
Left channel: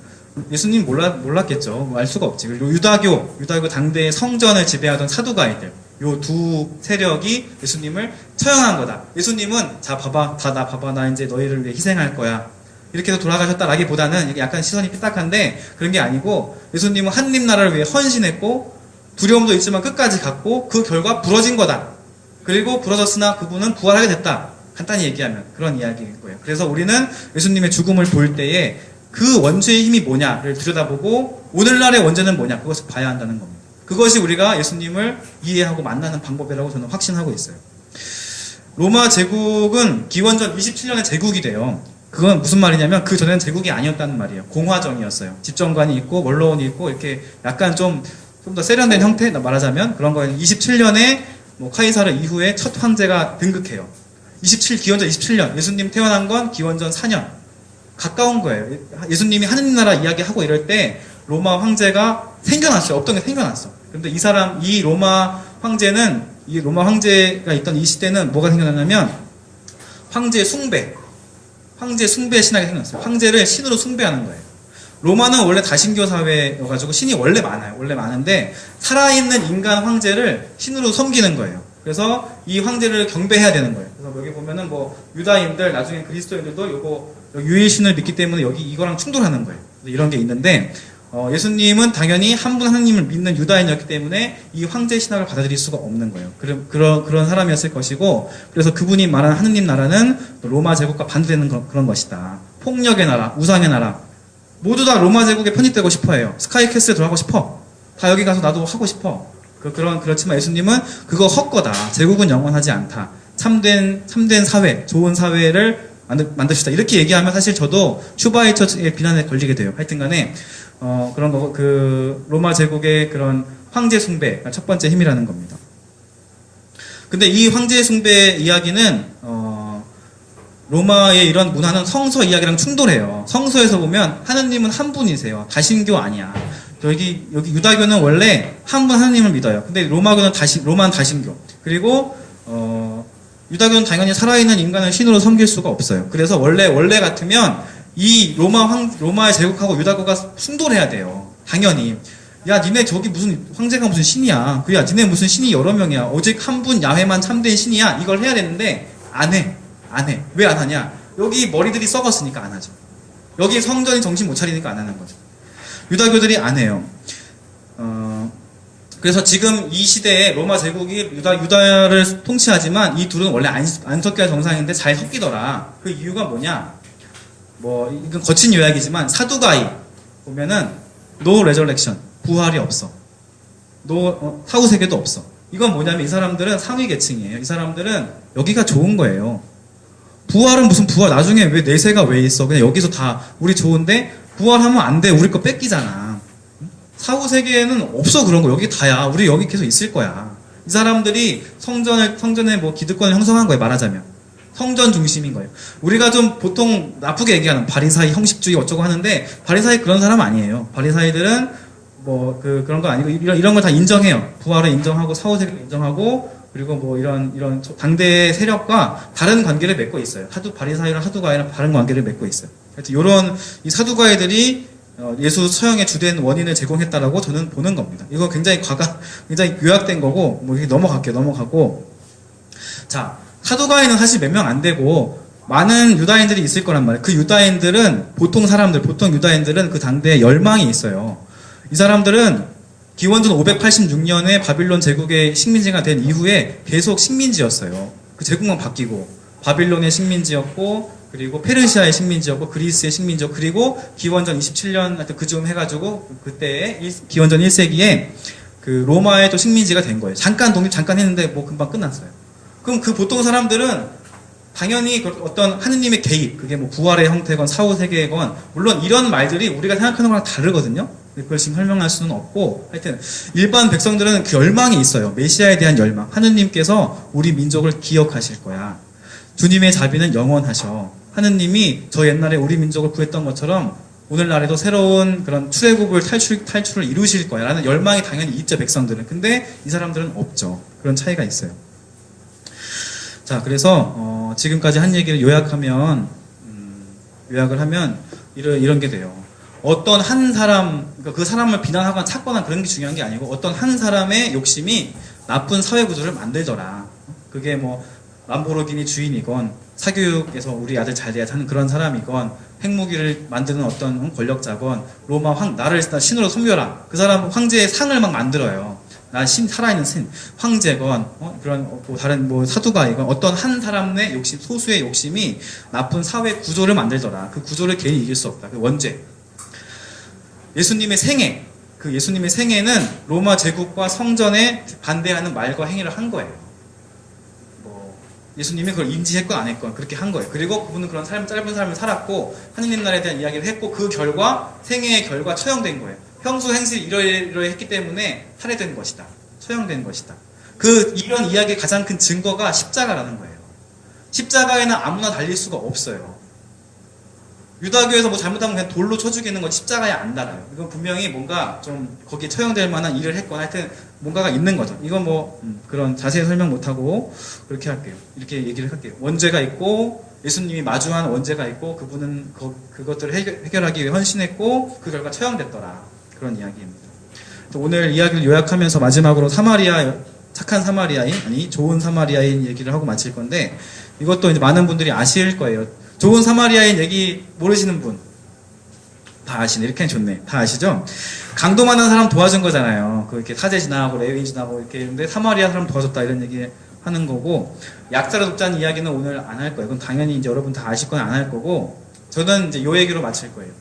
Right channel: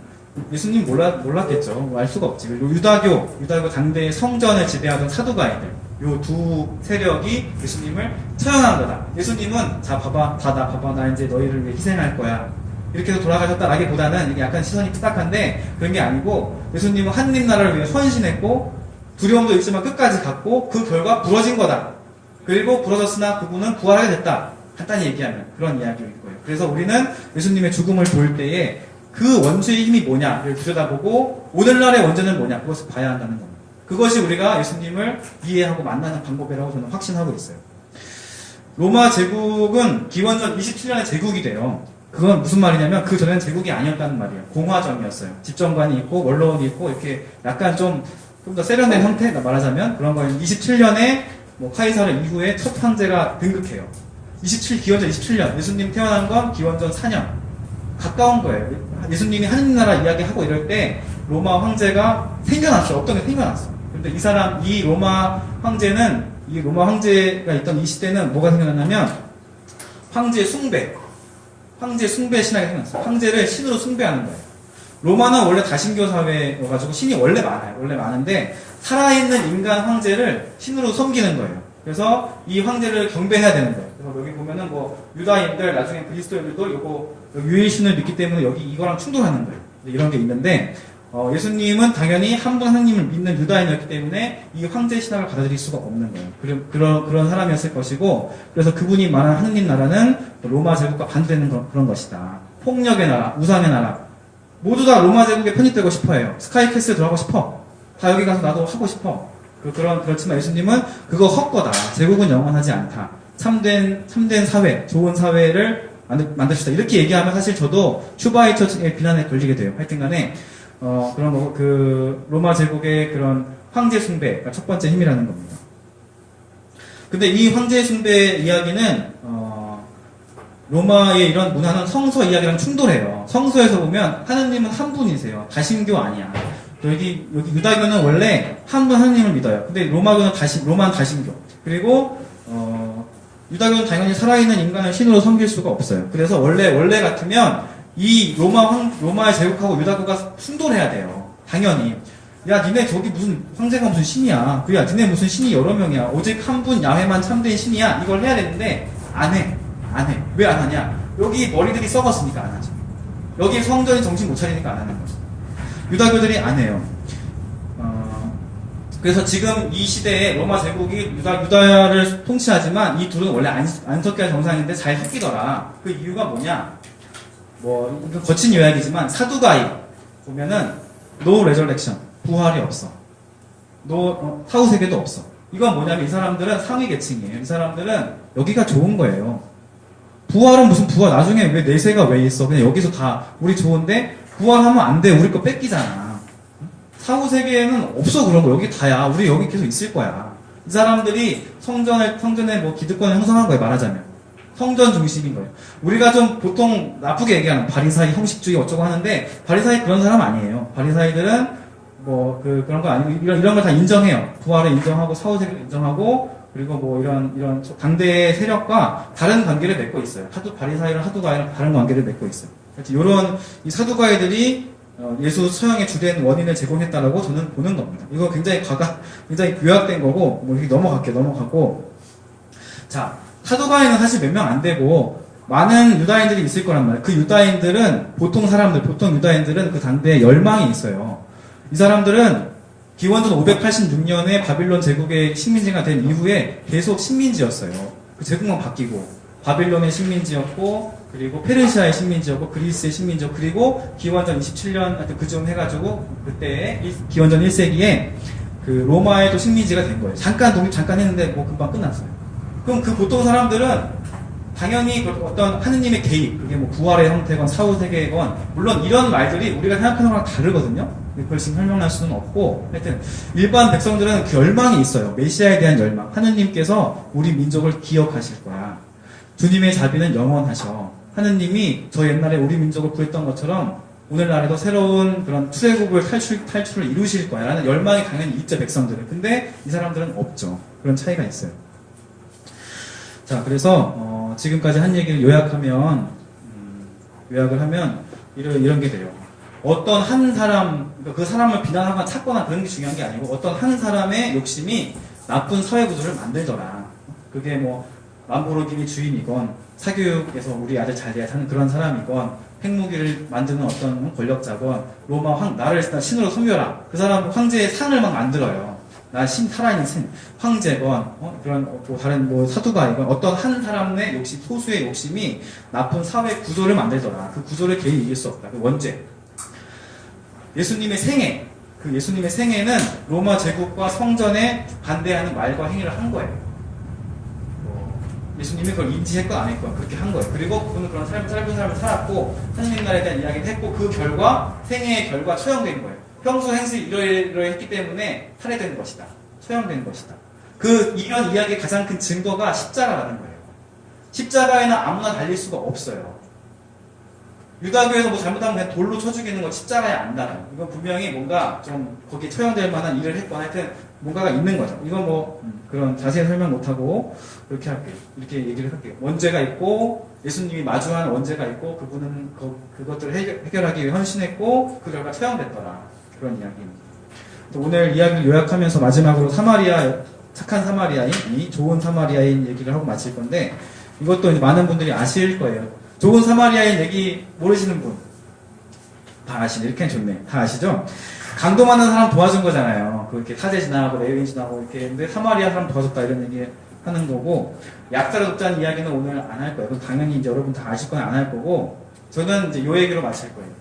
예수님 몰랐겠죠. 알 수가 없지. 그리고 유다교 당대의 성전을 지배하던 사두가이들 요 두 세력이 예수님을 처형한 거다. 예수님은 자 봐봐 나 이제 너희를 위해 희생할 거야 이렇게 해서 돌아가셨다라기보다는 이게 약간 시선이 삐딱한데 그런 게 아니고 예수님은 하느님 나라를 위해 헌신했고 두려움도 있지만 끝까지 갔고 그 결과 부러진 거다. 그리고 부러졌으나 그분은 부활하게 됐다. 간단히 얘기하면 그런 이야기일 거예요. 그래서 우리는 예수님의 죽음을 볼 때에 그 원죄의 힘이 뭐냐를 들여다보고 오늘날의 원죄는 뭐냐 그것을 봐야 한다는 겁니다. 그것이 우리가 예수님을 이해하고 만나는 방법이라고 저는 확신하고 있어요. 로마 제국은 기원전 27년에 제국이 돼요. 그건 무슨 말이냐면 그 전에는 제국이 아니었다는 말이에요. 공화정이었어요. 집정관이 있고 원로원이 있고 이렇게 약간 좀 더 세련된 형태 말하자면 그런 거예요. 27년에 카이사르 이후에 첫 황제가 등극해요. 기원전 27년 예수님 태어난 건 기원전 4년 가까운 거예요. 예수님이 하느님 나라 이야기하고 이럴 때 로마 황제가 생겨났어요. 없던 게 생겨났어. 그런데 이 로마 황제가 있던 이 시대는 뭐가 생겨났냐면 황제 숭배 신학이 생겼어요. 황제를 신으로 숭배하는 거예요. 로마는 원래 다신교 사회여가지고 신이 원래 많아요. 원래 많은데 살아있는 인간 황제를 신으로 섬기는 거예요. 그래서 이 황제를 경배해야 되는 거예요. 그래서 여기 보면은 유다인들 나중에 그리스도인들도 유일신을 믿기 때문에 여기 이거랑 충돌하는 거예요. 이런 게 있는데 예수님은 당연히 한 분 하나님을 믿는 유다인이었기 때문에 이 황제 신학을 받아들일 수가 없는 거예요. 그런 사람이었을 것이고 그래서 그분이 말하는 하느님 나라는 로마 제국과 반대되는 그런 것이다. 폭력의 나라, 우상의 나라 모두 다 로마 제국에 편입되고 싶어해요. 스카이캐슬 들어가고 싶어. 다 여기 가서 나도 하고 싶어. 그렇지만 예수님은 그거 헛거다. 제국은 영원하지 않다. 참된 사회, 좋은 사회를 만듭시다. 이렇게 얘기하면 사실 저도 슈바이처의 비난에 걸리게 돼요. 하여튼간에 그런 거 로마 제국의 그런 황제 숭배가 첫 번째 힘이라는 겁니다. 근데 이 황제 숭배 이야기는 로마의 이런 문화는 성서 이야기랑 충돌해요. 성서에서 보면 하느님은 한 분이세요. 다신교 아니야. 여기 유다교는 원래 한 분 하느님을 믿어요. 근데 로마는 다신교. 그리고 유다교는 당연히 살아있는 인간을 신으로 섬길 수가 없어요. 그래서 원래 같으면 이 로마의 제국하고 유다교가 충돌해야 돼요. 당연히. 야, 니네 저기 무슨 황제가 무슨 신이야. 그야, 니네 무슨 신이 여러 명이야. 오직 한 분 야훼만 참된 신이야. 이걸 해야 되는데 안 해. 왜 안 하냐? 여기 머리들이 썩었으니까 안 하죠. 여기 성전이 정신 못 차리니까 안 하는 거죠. 유다교들이 안 해요. 그래서 지금 이 시대에 로마 제국이 유다를 통치하지만 이 둘은 원래 안 섞여야 정상인데 잘 섞이더라. 그 이유가 뭐냐? 이건 거친 요약이지만 사두가이 보면은 no resurrection, 부활이 없어. 사후세계도 없어. 이건 뭐냐면 이 사람들은 상위 계층이에요. 이 사람들은 여기가 좋은 거예요. 부활은 무슨 부활? 나중에 왜 내세가 왜 있어? 그냥 여기서 다 우리 좋은데 부활하면 안 돼. 우리 거 뺏기잖아. 사후 세계에는 없어 그런 거. 여기 다야. 우리 여기 계속 있을 거야. 이 사람들이 성전에 뭐 기득권을 형성한 거예요, 말하자면. 성전 중심인 거예요. 우리가 좀 보통 나쁘게 얘기하는 바리사이, 형식주의 어쩌고 하는데, 바리사이 그런 사람 아니에요. 바리사이들은 뭐, 그런 거 아니고, 이런 걸 다 인정해요. 부활을 인정하고, 사후세계를 인정하고, 그리고 뭐 이런 당대의 세력과 다른 관계를 맺고 있어요. 바리사이랑 사두가이랑 다른 관계를 맺고 있어요. 그래서 이런 이 사두가이들이 예수 처형의 주된 원인을 제공했다라고 저는 보는 겁니다. 이거 굉장히 요약된 거고, 뭐 이렇게 넘어가고. 자, 사두가이는 사실 몇 명 안 되고, 많은 유다인들이 있을 거란 말이에요. 그 유다인들은, 보통 유다인들은 그 당대에 열망이 있어요. 이 사람들은 기원전 586년에 바빌론 제국의 식민지가 된 이후에 계속 식민지였어요. 그 제국만 바뀌고, 바빌론의 식민지였고, 그리고 페르시아의 식민지였고, 그리스의 식민지였고, 그리고 기원전 27년 하여튼 그쯤 해가지고 그때 기원전 1세기에 그 로마의 또 식민지가 된 거예요. 독립 잠깐 했는데 뭐 금방 끝났어요. 그럼 그 보통 사람들은 당연히 어떤 하느님의 개입, 그게 뭐 부활의 형태건 사후세계건, 물론 이런 말들이 우리가 생각하는 거랑 다르거든요. 그걸 지금 설명할 수는 없고, 하여튼 일반 백성들은 그 열망이 있어요. 메시아에 대한 열망. 하느님께서 우리 민족을 기억하실 거야. 주님의 자비는 영원하셔. 하느님이 저 옛날에 우리 민족을 구했던 것처럼 오늘날에도 새로운 그런 출애굽을 탈출을 이루실 거야 라는 열망이 당연히 있죠, 백성들은. 근데 이 사람들은 없죠. 그런 차이가 있어요. 자, 그래서 지금까지 한 얘기를 요약을 하면 이런 게 돼요. 어떤 한 사람, 그러니까 그 사람을 비난하거나 찾거나 그런 게 중요한 게 아니고, 어떤 한 사람의 욕심이 나쁜 사회 구조를 만들더라. 그게 뭐 람보르기니 주인이건, 사교육에서 우리 아들 잘 돼야 하는 그런 사람이건, 핵무기를 만드는 어떤 권력자건, 나를 신으로 섬겨라. 그 사람 황제의 상을 막 만들어요. 살아있는 황제건, 그런 다른 사두가이건, 어떤 한 사람의 욕심, 소수의 욕심이 나쁜 사회 구조를 만들더라. 그 구조를 개인이 이길 수 없다. 그 원죄. 예수님의 생애는 로마 제국과 성전에 반대하는 말과 행위를 한 거예요. 예수님이 그걸 인지했건 안 했건 그렇게 한 거예요. 그리고 그분은 그런 짧은 삶을 살았고, 하느님 나라에 대한 이야기를 했고, 그 결과, 생애의 결과 처형된 거예요. 평소 행실 이러했기 때문에 살해된 것이다. 처형된 것이다. 이런 이야기의 가장 큰 증거가 십자가라는 거예요. 십자가에는 아무나 달릴 수가 없어요. 유다교에서 뭐 잘못하면 그냥 돌로 쳐 죽이는 건 십자가에 안 달아요. 이건 분명히 뭔가 좀 거기에 처형될 만한 일을 했거나 하여튼 뭔가가 있는 거죠. 이건 그런 자세히 설명 못하고 그렇게 할게요. 이렇게 얘기를 할게요. 원죄가 있고, 예수님이 마주한 원죄가 있고, 그분은 그것들을 해결하기 위해 헌신했고, 그 결과 처형됐더라. 그런 이야기입니다. 오늘 이야기를 요약하면서 마지막으로 착한 사마리아인, 좋은 사마리아인 얘기를 하고 마칠 건데, 이것도 이제 많은 분들이 아실 거예요. 좋은 사마리아인 얘기 모르시는 분 다 아시네. 이렇게 좋네. 다 아시죠? 강도 많은 사람 도와준 거잖아요. 이렇게 사제 지나고 레위인 지나고 이렇게 했는데 사마리아 사람 도와줬다 이런 얘기 하는 거고, 약자를 돕자는 이야기는 오늘 안 할 거예요. 그건 당연히 이제 여러분 다 아실 건 안 할 거고, 저는 이제 요 얘기로 마칠 거예요.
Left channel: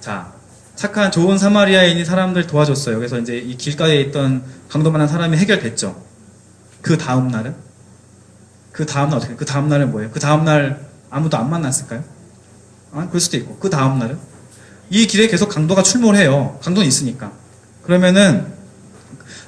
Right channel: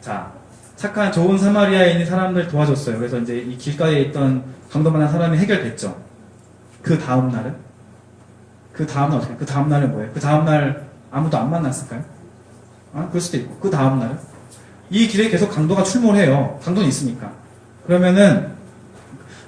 자, 착한 좋은 사마리아인이 사람들 도와줬어요. 그래서 이제 이 길가에 있던 강도 많은 사람이 해결됐죠. 그 다음 날은 어떻게? 그 다음 날은 뭐예요? 그 다음 날 아무도 안 만났을까요? 그럴 수도 있고. 그 다음 날은? 이 길에 계속 강도가 출몰해요. 강도는 있으니까. 그러면은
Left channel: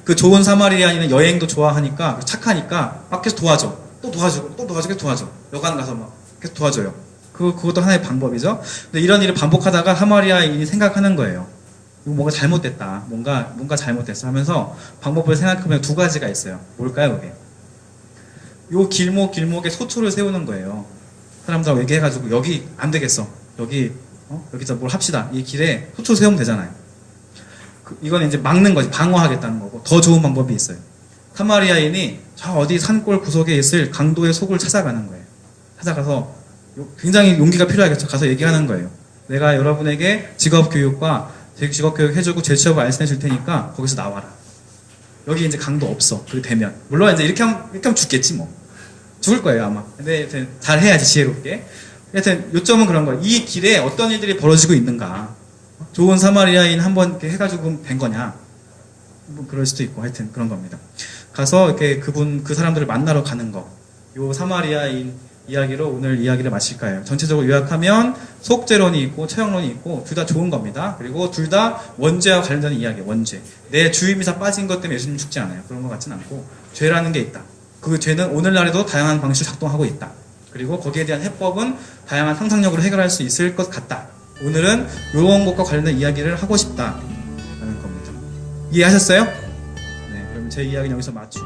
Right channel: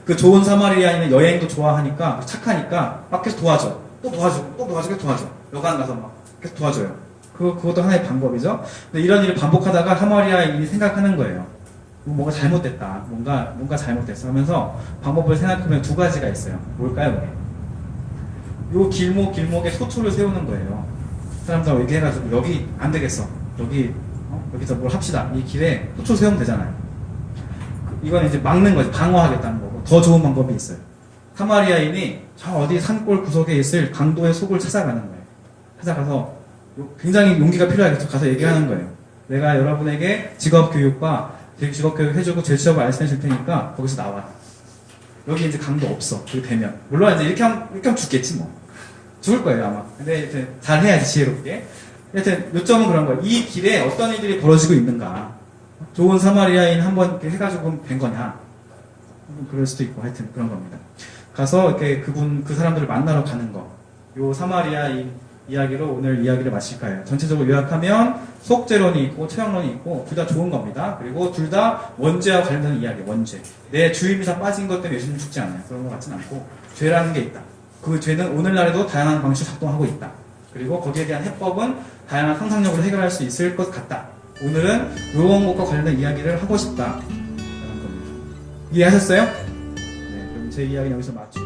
그 좋은 사마리아인은 여행도 좋아하니까, 착하니까 막 계속 도와줘. 또 계속 도와줘. 여관 가서 막 계속 도와줘요. 그것도 하나의 방법이죠. 근데 이런 일을 반복하다가 사마리아인이 생각하는 거예요. 뭔가 잘못됐다. 뭔가 잘못됐어 하면서 방법을 생각하면 두 가지가 있어요. 뭘까요, 그게? 요 길목에 소초를 세우는 거예요. 사람들하고 얘기해가지고, 여기 안 되겠어. 여기서 뭘 합시다. 이 길에 소초 세우면 되잖아요. 이건 이제 막는 거지. 방어하겠다는 거고. 더 좋은 방법이 있어요. 사마리아인이 저 어디 산골 구석에 있을 강도의 속을 찾아가는 거예요. 찾아가서 굉장히 용기가 필요하겠죠. 가서 얘기하는 거예요. 내가 여러분에게 직업교육 해주고 재취업을 알선해 줄 테니까 거기서 나와라. 여기 이제 강도 없어. 그렇게 되면. 물론 이제 이렇게 하면 죽겠지 뭐. 죽을 거예요 아마. 근데 잘 해야지, 지혜롭게. 하여튼 요점은 그런 거예요. 이 길에 어떤 일들이 벌어지고 있는가. 좋은 사마리아인 한번 이렇게 해가지고 된 거냐. 뭐 그럴 수도 있고, 하여튼 그런 겁니다. 가서 이렇게 그 사람들을 만나러 가는 거. 요 사마리아인 이야기로 오늘 이야기를 마칠까요? 전체적으로 요약하면 속죄론이 있고 처형론이 있고 둘 다 좋은 겁니다. 그리고 둘 다 원죄와 관련된 이야기, 원죄. 내 주임이사 빠진 것 때문에 예수님 죽지 않아요. 그런 것 같진 않고, 죄라는 게 있다. 그 죄는 오늘날에도 다양한 방식으로 작동하고 있다. 그리고 거기에 대한 해법은 다양한 상상력으로 해결할 수 있을 것 같다. 오늘은 이런 것과 관련된 이야기를 하고 싶다 하는 겁니다. 이해하셨어요? 네, 그럼 제 이야기는 여기서 마치고